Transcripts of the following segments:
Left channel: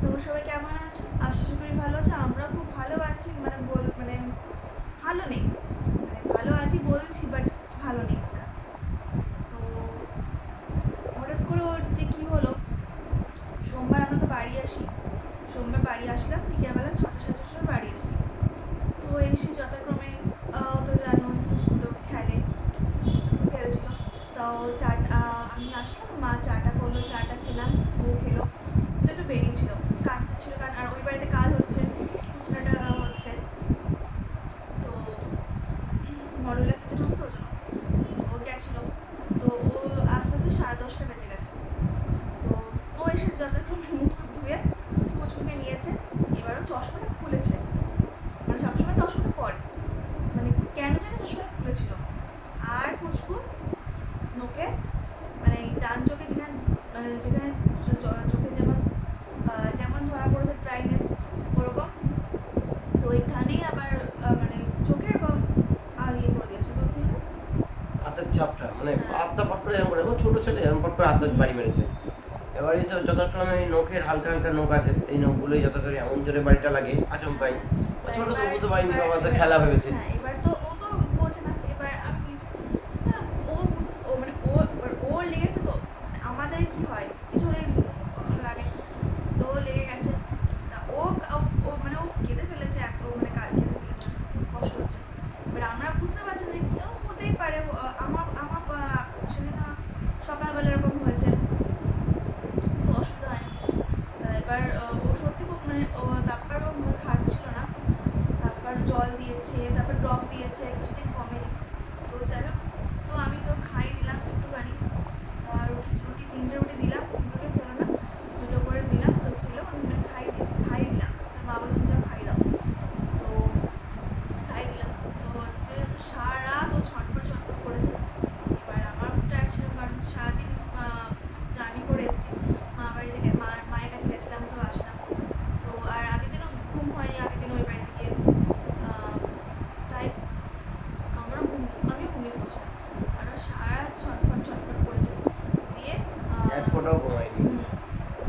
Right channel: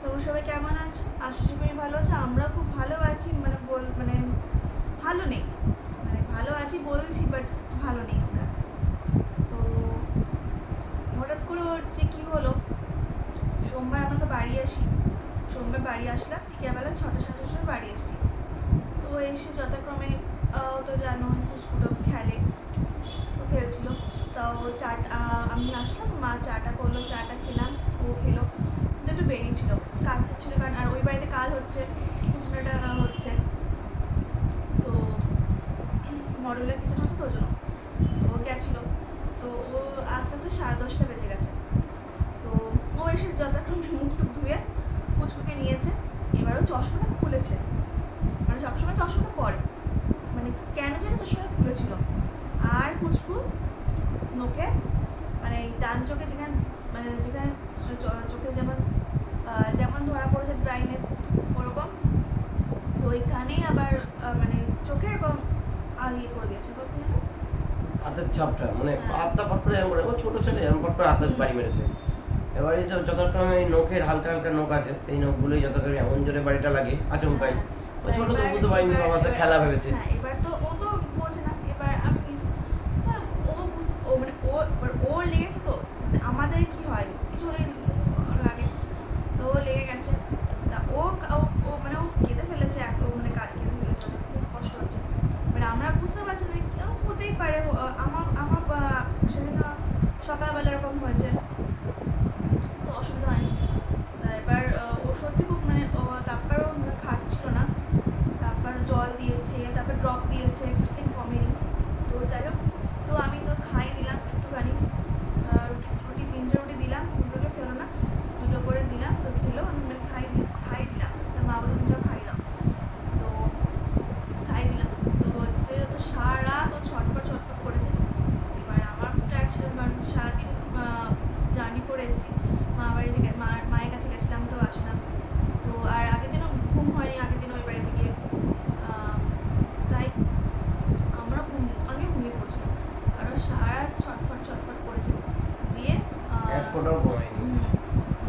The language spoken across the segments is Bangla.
তোমরা সবাই কেমন আছো? আশা করি ভালো আছো। আমরা খুব ভালো আছি। মানে বল মানে ভালো নেই। মানে ভালো আছি বলছি বাট ভালো নেই আমরা। তো হঠাৎ করে ওর যে কী হলো, সোমবার আমরা তো বাড়ি আসি। সোমবার বাড়ি আসলাম, বিকেলবেলা ছটা সাতটার সময় বাড়ি আসছি তো এসে যথাক্রমে তো জানো স্কুটো খেলে। খেলছিল। তো চা আমি আসলাম, মা চাটা করল, চাটা খেলাম, ও খেলো। একটু বেরিয়েছিল, কাজটা ছিল, কারণ আর ওই বাড়িতে কাল হচ্ছে কুচনাটা হচ্ছে। তো মডেলের কিচেন হচ্ছে তো ওই জন্য। তো ও গেছিল, তো ও আস্তে আস্তে সাড়ে দশটা বেজে গেছে। তো ও এসে যথাক্রমে মুখ টুক ধুয়ে কুচকুকে নিয়েছে, এবারও চশমাটা খুলেছে। মানে সবসময় চশমাটা পরে। মানে কেন যেন চশমাটা খুলেছিল। আর কুচকু নোকে মানে ডান চোখে যেখানে মানে যেখানে চোখে যেমন যেমন ধরা পড়েছে ড্রাইনেস ওরকম তো ওইখানেই আবার মানে চোখের এরকম আহ, ইয়ে করে দিয়েছে। হাতের ছাপটা মানে হ্যাঁ। হাতটা পট করে এরকম করে ও ছোট ছেলে এরকম পট করে হাতের বাড়ি মেরেছে। এবারে তো যথাক্রমে এই নখের হালকা হালকা নখ আছে এই নখগুলোই যথাক্রমে এমন জোরে বাড়িটা লাগে আচমকাই ও ছোট তো বুঝতে পারিনি বাবা খেলা ভেবেছে হ্যাঁ এবার তো ও তো বোঝে না এবার আমি কিছু হ্যাঁ, ও বুঝ- ও মানে ও এবার ওর লেগেছে তো মানে আমাদের কি হয় কিছু হলেই লাগে তো ও লেগে গেছে তা ও ও- ও মানে ও কেঁদে ফেলেছে এক ও মানে কা- কেঁদে ফেলেছে মানে খুব কষ্ট হচ্ছে এবার আমরা বুঝতে পারছি না যে কেউ হতেই পারে ও, আমার আমার আহ, সেদিন সকালবেলা এরকম হয়েছে তো অসুবিধা হয়নি তা এবার আহ, ও সত্যি খুব মানে ও তারপর ও মানে খাচ্ছিল না তারপর জল দিয়েছে তারপর ড্রপ দিয়েছে কিছুদিন কমেনি। তো যাই হোক তো আমি তো খাই দিলাম একটুখানি আহ, রুটি রুটি তিনটে রুটি দিলাম দুটো খেলো না দুটো করে দিলাম তো খেলো আমি মানে খাই দি- খাই দিলাম তো মা বলে তুমি যাও খাই দাও তো খাই দিলাম তো হচ্ছে তো সারা রাত ও ছটপট ছটপট করেছে এবার আমার খুব টায়ার্ড ছিলাম কারণ সারাদিন জার্নি করে এসেছি মা বাড়ি থেকে মা মায়ের কাছে গেছিলাম তো আসলাম তো আর আগের দিনও ঘুম হয়নি আগের দিন ওই বাড়িতে গিয়ে আহ, তাই আমরা ঘুম আমিও ঘুমিয়ে পড়ছিলাম আর ও সারা রাত ছটফট ছটফট করেছে দিয়ে আহ, এক ফোঁটাও ঘুমায়নি হুম,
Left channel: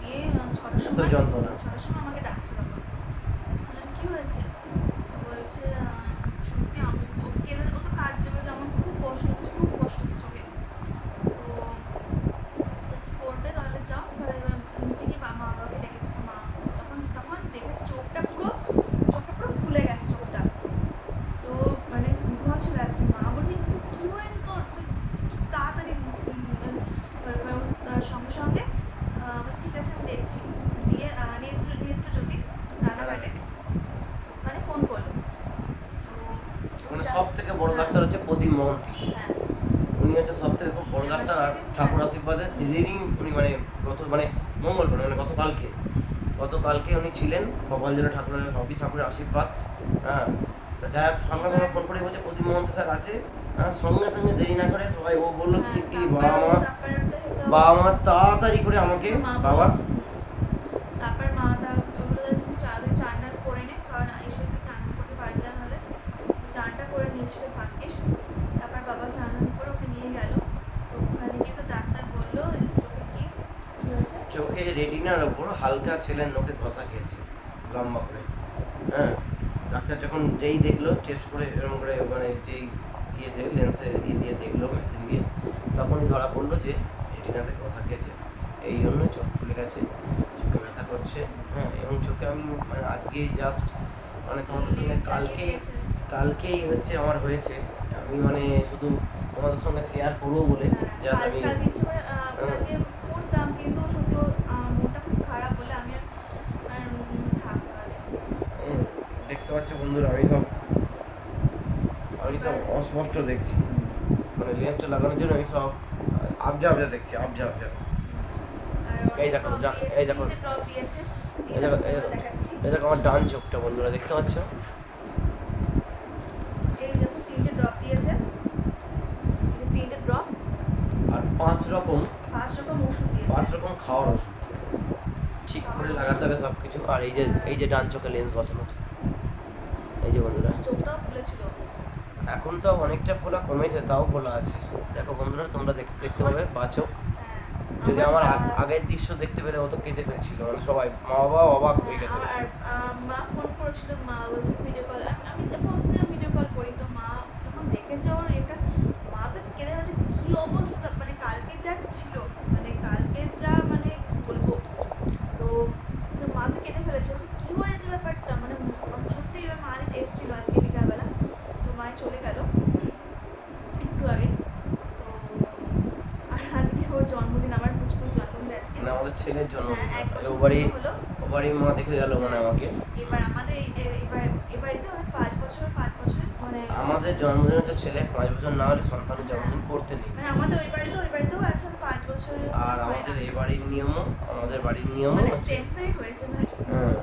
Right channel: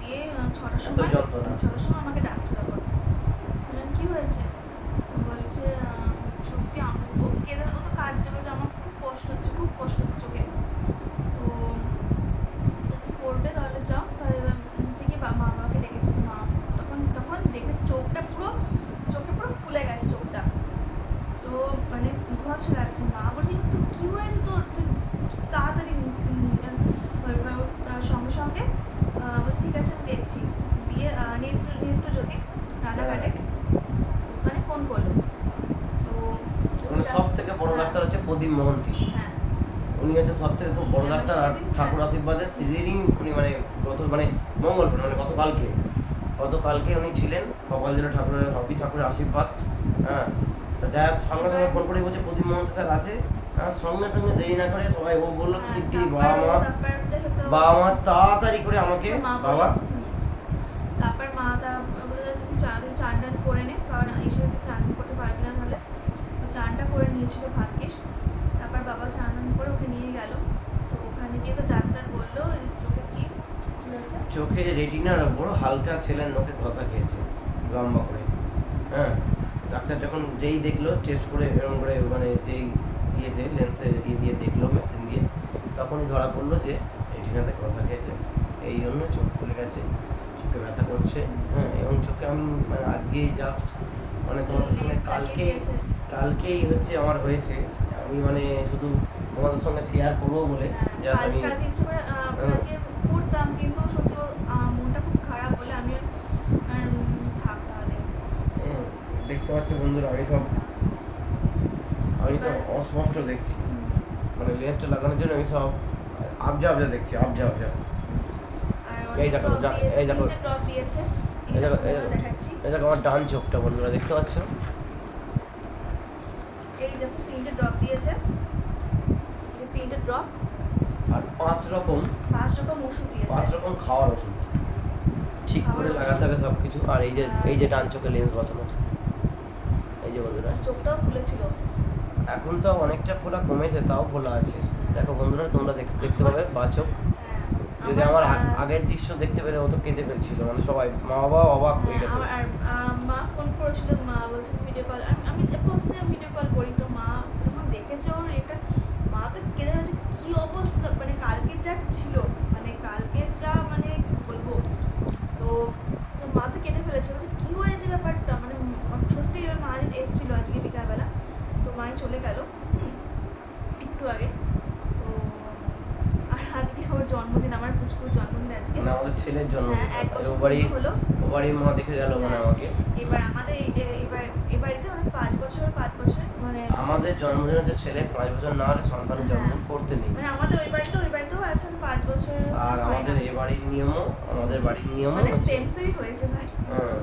দিয়ে আহ, ছটার এত যন্ত্রণা। ছটার সময় আমাকে ডাকছিল বললাম, কি হয়েছে? বলছে সত্যি আমি ও তো কাজ যাবে আমার খুব কষ্ট হচ্ছে, খুব কষ্ট হচ্ছে চোখে। তো করবে? তাহলে যাও। তাহলে গিয়ে মা, বাবাকে ডেকেছে। মা তখন তখন দেখেছে চোখটা পুরো ফুলে গেছে চোখটা তো মানে বিভৎস লাগছে মা বলছে তো কি হয়েছে তোর তুই তাড়াতাড়ি উম, উম, এবার ও তার সঙ্গে সঙ্গে আহ, বলছে ঠিক আছে আমি দেখছি দিয়ে আহ, নেত্র নেত্র জ্যোতি রানাঘাটে ওখানে ফোন করল তো মানে যা- সব থেকে বড় হ্যাঁ, ডাক্তার হচ্ছে প্রদীপ মহন্তি। হ্যাঁ উনি হচ্ছে সব থেকে খুব বড় ডাক্তার আর ঠাকুর আশীর্বাদে সেদিনই উনি মানে গত মানে মঙ্গল মঙ্গলবার মানে গতকালকে। গতকালকে উনি ছিলেন কপাল জেলা ঠাকুরের হবি ঠাকুরের আশীর্বাদ হ্যাঁ। তা যাই হোক সঙ্গে সঙ্গে ফোন করে বলছে প্রদীপ মহন্ত স্যার আছে। হ্যাঁ, সঙ্গে সঙ্গে দেরি না করে সবাই ও বলল হ্যাঁ, শিগগিরি বাবা মা বাবা মা তাড়াতাড়ি করে আমাকে বাবা করে নিয়েছিল ভাগ্যিস। তারপর বাবা চান করে ওকে নিয়ে গেল। তো ওখানে গিয়ে তো ডাক্তার বলল চোখে কি? হয়েছে? চোখে রেটিনার ওপর হালকা ছেলের নোকে ঘষা খেয়েছে লম্বা করে। হ্যাঁ ডাক্তার যখন যেই দেখল টেস্ট করে এরকম করে মানে যেই ইয়েতে লেন্সে ইয়ে দিয়ে দেখল মেশিন দিয়ে তখনই ধরা পড়ল যে রেটিনাতে ঘষা খেয়েছে। এই জন্য চোখ ফুলে গেছে চোখে ব্যথা করছে। হ্যাঁ এবং চোখে আমি মানে আজকেই জাস্ট মানে তোমাদের সঙ্গে কালকে। কালকেই হচ্ছে আমার হয়েছে। আমি মানে শুধু তোমাদের সঙ্গে শেয়ার করব বলে হ্যাঁ, জাস্ট আমি আপনাকে করতাম কিন্তু সত্যি মনটা খুব খারাপ বলে আমি দেখতে পাচ্ছ বন্ধুরা আমি সব আমি সব অস্পষ্ট দেখছি। মানে লেন্সটা লাগানোর জন্য আমি সব আবজা আবজা দেখছি আবজা আবজা। এই দেখো, এই দেখো। এই দেখো। এই দেখো আমার ডান চোখটা বন্ধুরা দেখতে পাচ্ছ এই দেখো, তিনটে drop দিয়েছে। Drop, আর পাঁচ রকম পাঁচ রকম ওষুধ দিয়েছে। পাঁচ রকম খাওয়ার ওষুধ। ঠিক করে লাগাতে হবে সব কিছু আর এই যে এই যে ডান চোখে লেন্স বসানো। এই যে বন্ধুরা। চোখটাও ফুলেছিল। এখন তো অনেকটা ফোলা কমেছে তাও ফোলা আছে। দেখো বন্ধুরা তোমরা দেখতে দেখতে পাবে বা চোখ। হ্যাঁ। যদি আমার, আগের দৃশ্য দেখতে পেলে ও তো কেঁদে ফেলছিল। মানে সবাই মা বাবা অবাক হয়ে হ্যাঁ, গেছে। আর মা ফোন করেছিল মা বলছে ভিডিও কল আমি ভিডিও কল করি তো মা যখন দেখেছে ওর এটা মা তো কেঁদে হচ্ছে কি অবস্থা? মানে কালকে যা ছিল মানে কালকে যা মানে কি বলব? তো তো মা তো কেঁদে ফেলেছে। বলছে কি হয়েছে ব্যাপারটা? মানে সত্যি এবার মা এসেছিল আজকে বিকালবেলা। তো মা চলে গেল একটু আগে। তো আর আজকে ওর জন্মদিন আমার পুচকুর জন্মদিন আজকে। মানে আমাদের ছেলের জন্য হ্যাঁ এক বছর ও বাড়ি পুরো হলো ও বাড়ি মা দেখে গেল মানে আমাকে। এবার আমাদের এই যে এবার এবারেতে পাঁচ বছর পাঁচ বছর মানে আমাদের জন্মদিন হচ্ছে ছেলে পাঁচ বছর না হলে সন্তানের জন্মদিন করতে নেই। মানে আমাদের ওই বাড়িতে ওই বাড়িতেও আছে পাঁচ বছর আর আমাদের না। এ বাড়ির নিয়মও আমাদের বাড়ির নিয়মও মানে সেমই হয়েছে ভাই। হ্যাঁ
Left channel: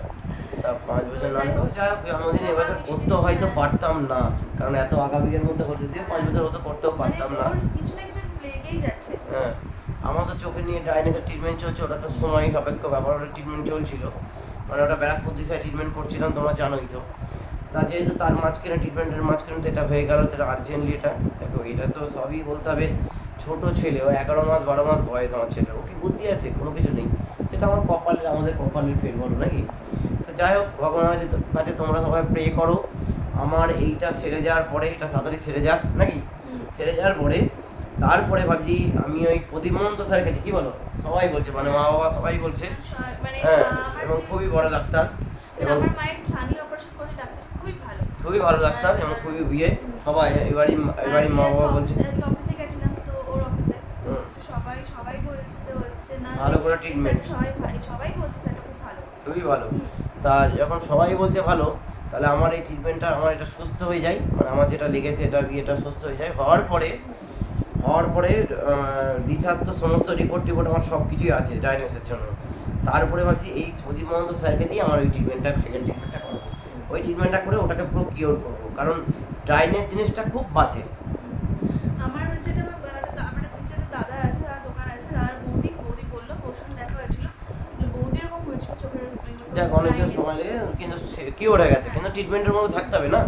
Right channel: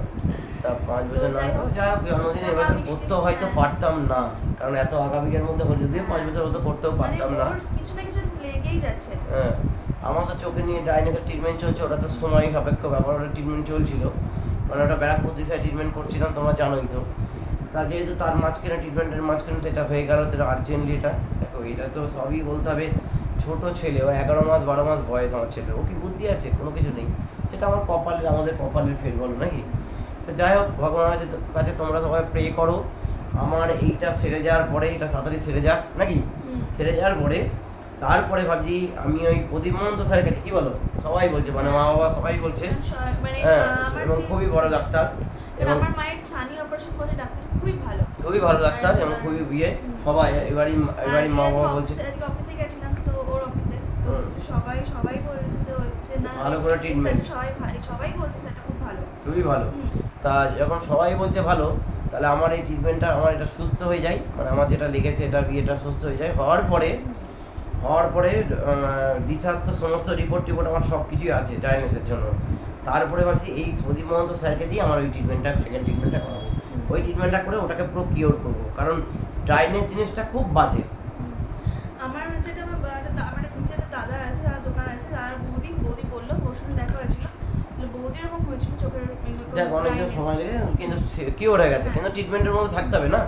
তা পাঁচ বছর না হলে যাই হোক জন্মদিন এবার করতে হয়তো হ্যাঁ। পারতাম না। কারণ এত আগামীর মধ্যে হলে যদিও পাঁচ বছর হতো করতেও মানে পারতাম না। কিছু না কিছু লেগেই যাচ্ছে। হ্যাঁ। আমার তো চোখে নিয়ে ডাইনেসের ট্রিটমেন্ট চলছে ওটা তো সময় সাপেক্ষ ব্যাপার ওটা ট্রিটমেন্ট চলছিল। মানে ওটা ব্যারাকপুর দিশায় ট্রিটমেন্ট করছিলাম তোমরা জানোই তো। তা যেহেতু তার মাঝখানে ট্রিটমেন্টের মাঝখানে যেটা হয়ে গেল সেটা আর্জেন্টলি এটা দেখো এটা তো সবই বলতে হবে ছোট ছেলে ও এগারো মাস বারো মাস বয়স আমার ছেলে ও কি বুদ্ধি আছে? কোনো কিছু নেই। সেটা আমার কপালের আমাদের কপালের ফের বলো নাকি? তো যাই হোক ভগবানের কাছে তোমরা সবাই প্রে করো। আমার এইটা সেরে যাওয়ার পরে এটা তাড়াতাড়ি সেরে যাক নাকি? সেরে যাওয়ার পরে তারপরে ভাবছি আমি ওই প্রদীপ মহন্ত স্যারের কাছে কি বলো? সবাই বলছে মানে মা বাবা সবাই বলছে। মানে হ্যাঁ এবং খুবই বড় ডাক্তার এবং খুবই ভালো। খুবই ভালো ডাক্তার এবং খুবই বিয়ে সবাই এবারই এবারই মা বাবা বলছে। আজকে আজকে অফিসে গেছিলাম তো ওর অফিসে তো হচ্ছে সবাই সবাই বলছে যে হচ্ছে না ভালো করে এই treatment। স্যার সবাই সবাই বলছে সেটা খুব ভালো। খুবই ভালো। তা যখন সবাই বলছে ভালো তাহলে আমার এই ট্রিটমেন্টটা আমার এটা সুস্থ হয়ে যায় মানে আমার যেটা লেগেছে এটা বিয়েটা সুস্থ হয়ে যায়। হওয়ার পরে হওয়ার পরে দিশার তো সমস্ত রিপোর্ট টিপোর্ট আমার সব কিছুই আছে ডায়াগনোসের জন্য। তারপরে ভাবছি এই প্রদীপ মহন্ত স্যারকে দিয়ে আমার ওই ট্রিটমেন্টটা সেকেন্ড ট্রিটমেন্টটা করাবো। ওই ট্রিটমেন্টটা করে ওটাকে পুরো কিওর করব। কারণ ড্রাইনেস জিনিসটা খুব বাজে। আমার যেটা আমার একটা দাদা আছে তার দোকান আছে তার বৌদি বৌদি বলল ওর সঙ্গে দেখা হয়েছিল। বৌদি এরকম হয়েছিল চোখের দেখ অনেক সময় কিন্তু কিওর হয়ে গেছে? কিন্তু ট্রিটমেন্টের মধ্যে থাকতে হবে না।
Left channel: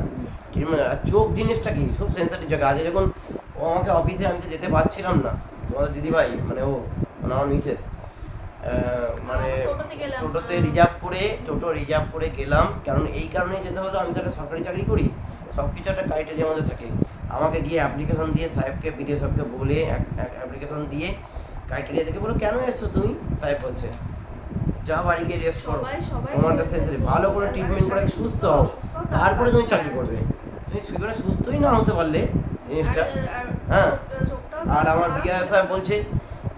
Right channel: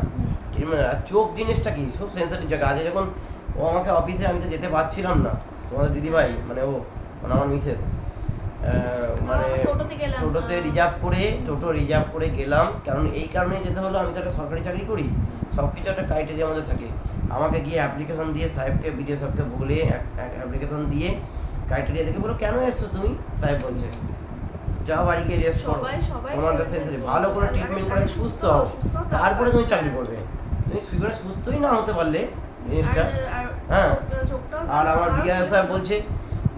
আর চোখ জিনিসটা কি? খুব সেন্সিটিভ জায়গা। আগে যখন ও আমাকে অফিসে আমি তো যেতে পারছিলাম না। তোমাদের দিদিভাই মানে ও মানে আমার মিসেস মানে টোটোতে। রিজার্ভ করে টোটো রিজার্ভ করে গেলাম। কারণ এই কারণেই যেতে হলো আমি তো একটা সরকারি চাকরি করি। সব কিছু একটা ক্রাইটেরিয়ার মধ্যে থাকে। আমাকে গিয়ে অ্যাপ্লিকেশন দিয়ে সাহেবকে বিডিও সাহেবকে বলে অ্যাপ্লিকেশন দিয়ে ক্রাইটেরিয়া দেখে বলো কেন এসছো তুমি? সাহেব বলছে যা বাড়ি গিয়ে রেস্ট করো। তোমার কাছে ভালো করে ট্রিটমেন্ট করে সুস্থ হও, তারপরে তুমি চাকরি করবে। তুমি সুস্থই না হতে পারলে জিনিসটা হ্যাঁ। আর আমার আরও বিয়া সাহেব বলছে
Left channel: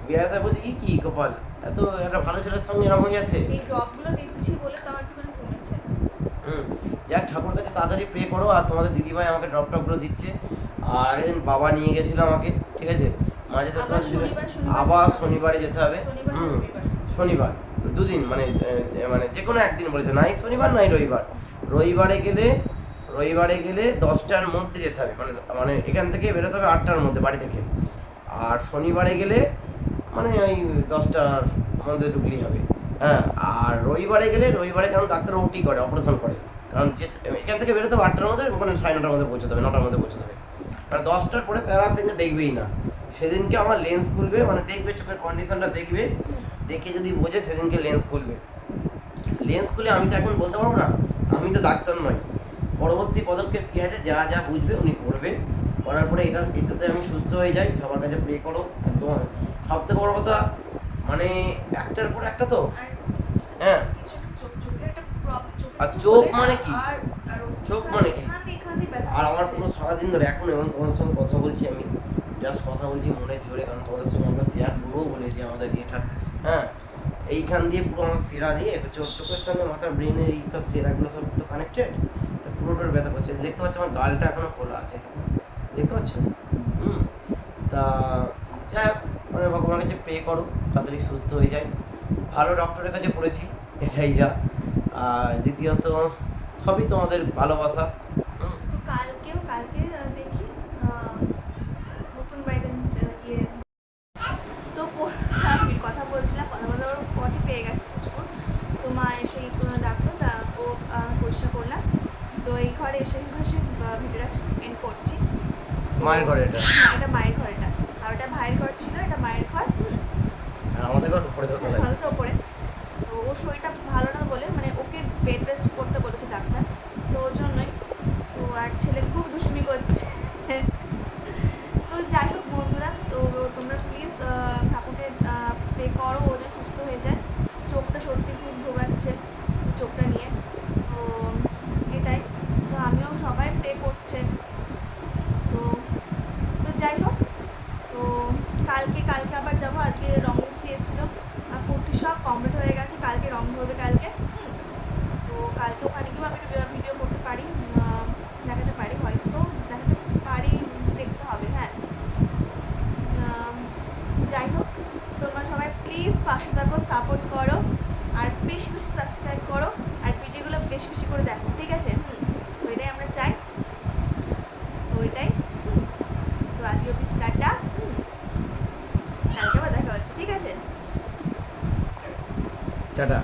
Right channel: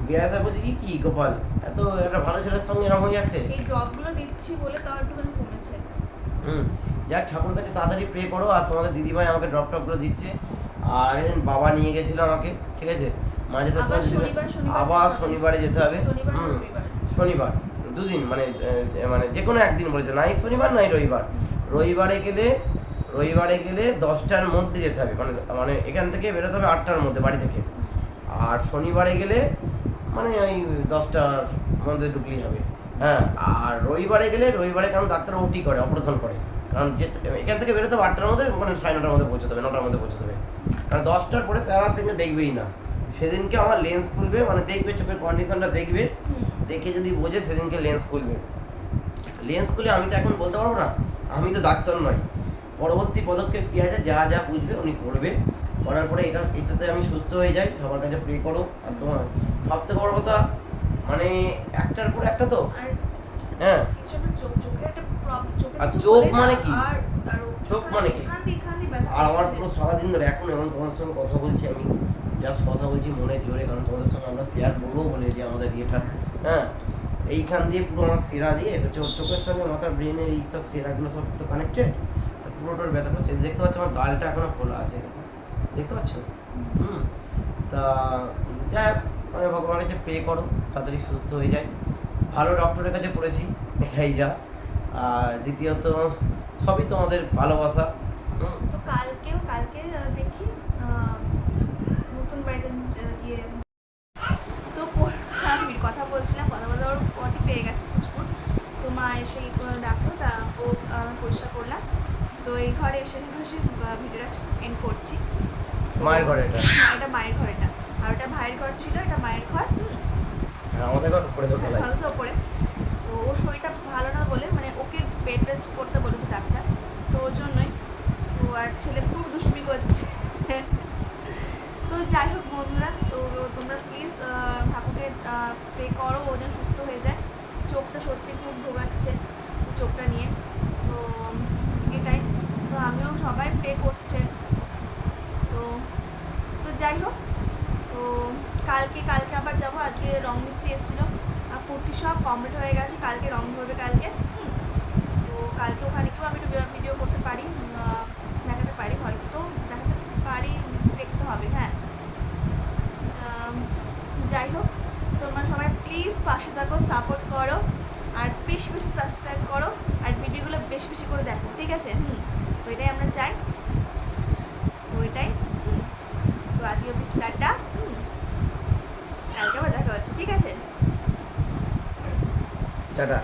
বিয়া সাহেব বলছে কি কি গোপাল এত একটা ভালো ছেলের সঙ্গে এরকম হয়ে যাচ্ছে? এই ড্রপগুলো দিচ্ছি বলে তাও একটুখানি কমেছে। হুম যাক ঠাকুর কাছে তাড়াতাড়ি প্রে করো আর তোমাদের দিদিভাই আমাকে ড্রপ টপগুলো দিচ্ছে। আর একদিন বাবা নিয়ে গেছিল আমাকে ঠিক আছে? মাঝে তো আবার তোমার শনিবার- আবার শনিবারে যেতে হবে। হুম। শনিবার। দুদিন মানে মানে যে কোনো একদিন বলেছে নাই শনিবার নাই রবিবার। রবিবারে গেলে রবিবারে গেলে দশটার মধ্যে যেতে হবে। মানে মানে এখান থেকে বেরোতে হবে আটটার মধ্যে বাড়ি থেকে। আর শনিবারে গেলে মানে ওই দশটার মধ্যে ঢুকলেই হবে। হ্যাঁ আর রবিবারে গেলে, রবিবারে কারণ ডাক্তার ওটি করে, অপারেশন করে। কারণ এখান থেকে বেরোতে হবে আটটার মধ্যে মানে সাড়ে নটার মধ্যে পৌঁছতে হবে, নটার মধ্যে পৌঁছতে হবে। কারণ দশটার পরে স্যার সিংকে দেখবেই না। সেদিনকে আমার লেন্স খুলবে মানে দেখবে, চোখের কন্ডিশনটা দেখবে, দেখে যদি বোঝে, সেদিনকে লেন্স খুলবে। লেন্স খুলে আমি তো এখন বলতে পারব না, আমি তো ডাক্তার নই। পরবর্তী পদক্ষেপ কী আছে? যা যা বুঝবে উনি করবে। করার পরে এটা এটাতে আমি সুস্থ হয়ে যাই। সবার কাছে প্রে করো। আর তোমার সব থেকে বড় কথা মানে একটার পর একটা তো? হ্যাঁ। আর চোখ মানে কি? চোখ মানে কি? আর আমার পুরো সারাদিন ধরে এখন এবং তোমাদের সঙ্গে কথা বলছি আমি জাস্ট কথা বলছি মনের জোরে কারণ তোমাদের সঙ্গে আমরা শেয়ার করব বলে যে আমাদের ইয়েটা হ্যাঁ। এইখান দিয়ে পুরো আমার সেরা দিয়ে চোখ চোখের সঙ্গে মাথার ব্রেনের এই সব সেরাগুলো সব তো কানেক্টেড পুরোটার ব্যথা করছে। দেখতে পাচ্ছ আমার গালটা এখনও খোলা আছে। দেখতে পাচ্ছ? হুম। তা যাই হোক, মানে ভগবানের কাছে পে করো তাড়াতাড়ি সুস্থ হয়ে যায়। ভালো ডক্টরের কাছে পড়েছি এটাই যা। আর দ্বিতীয়ত সবই তোমাদের ভালোবাসা। তো কালকেও কালকে দেখি নতুন বাড়িতে গিয়ে তো কো- আমি কথা বলছিলাম কথা বলতে ওর পেয়ে গেছে কুচকুর তো মা এসে ডাকলো তা ও পরিষ্কার করলাম। তো এই ঘরে এসে ঘষে ভিডিওটা এন্ড করছি। মায়ের ঘরে এটা? এটা মায়ের ঘর এটা। আর ওটা ভাইয়ের ঘর ছিল এটা মায়ের ঘর। আমাদের ঘর উপরে তো তলায়। ভালো তো উপরে। তো ওর শরীরটা ভালো না বলে মানে ওকে বেড রেস্ট করতে বলেছে ডাক্তার। তো ওর জন্যই। তো আর ছেলে খুব দুষ্টুমি করছে তো যাই হোক বন্ধুরা তো তোমরা প্লিজ ঠাকুরকে পে করো ও যেন সুস্থ হয়ে যায় চোখটা সত্যি খুব ভোগাচ্ছে চোখটা নিয়ে তো এটাই তো আমিও সবাই পে করছে তো তো যাই হোক তো কালকে কালকে আবার যাব। আজকে রং মিস্ত্রি এসেছিল। কুর্তি সব কমপ্লিট হয়ে গেছে। কালকে রং ধরবে কালকে। তো কালকে ওখানে গিয়েও আমি ভিডিও করতে পারি। দেখাতে পারি। হয়তো দেখাতে পারি, দেখতে হবে হ্যাঁ। যাই হোক, তোমরা সবাই প্লিজ পাশে থাকো সাপোর্ট করো। আর বেশি বেশি সাবস্ক্রাইব করো। আর ভিডিওগুলো বেশি বেশি করে দেখো, ঠিক আছে? হুম। ওইটাই আমরা চাই। ওইটাই তো আজকে টাটা। হুম। কালকে আবার দেখা হচ্ছে ঠিক আছে? টাটা।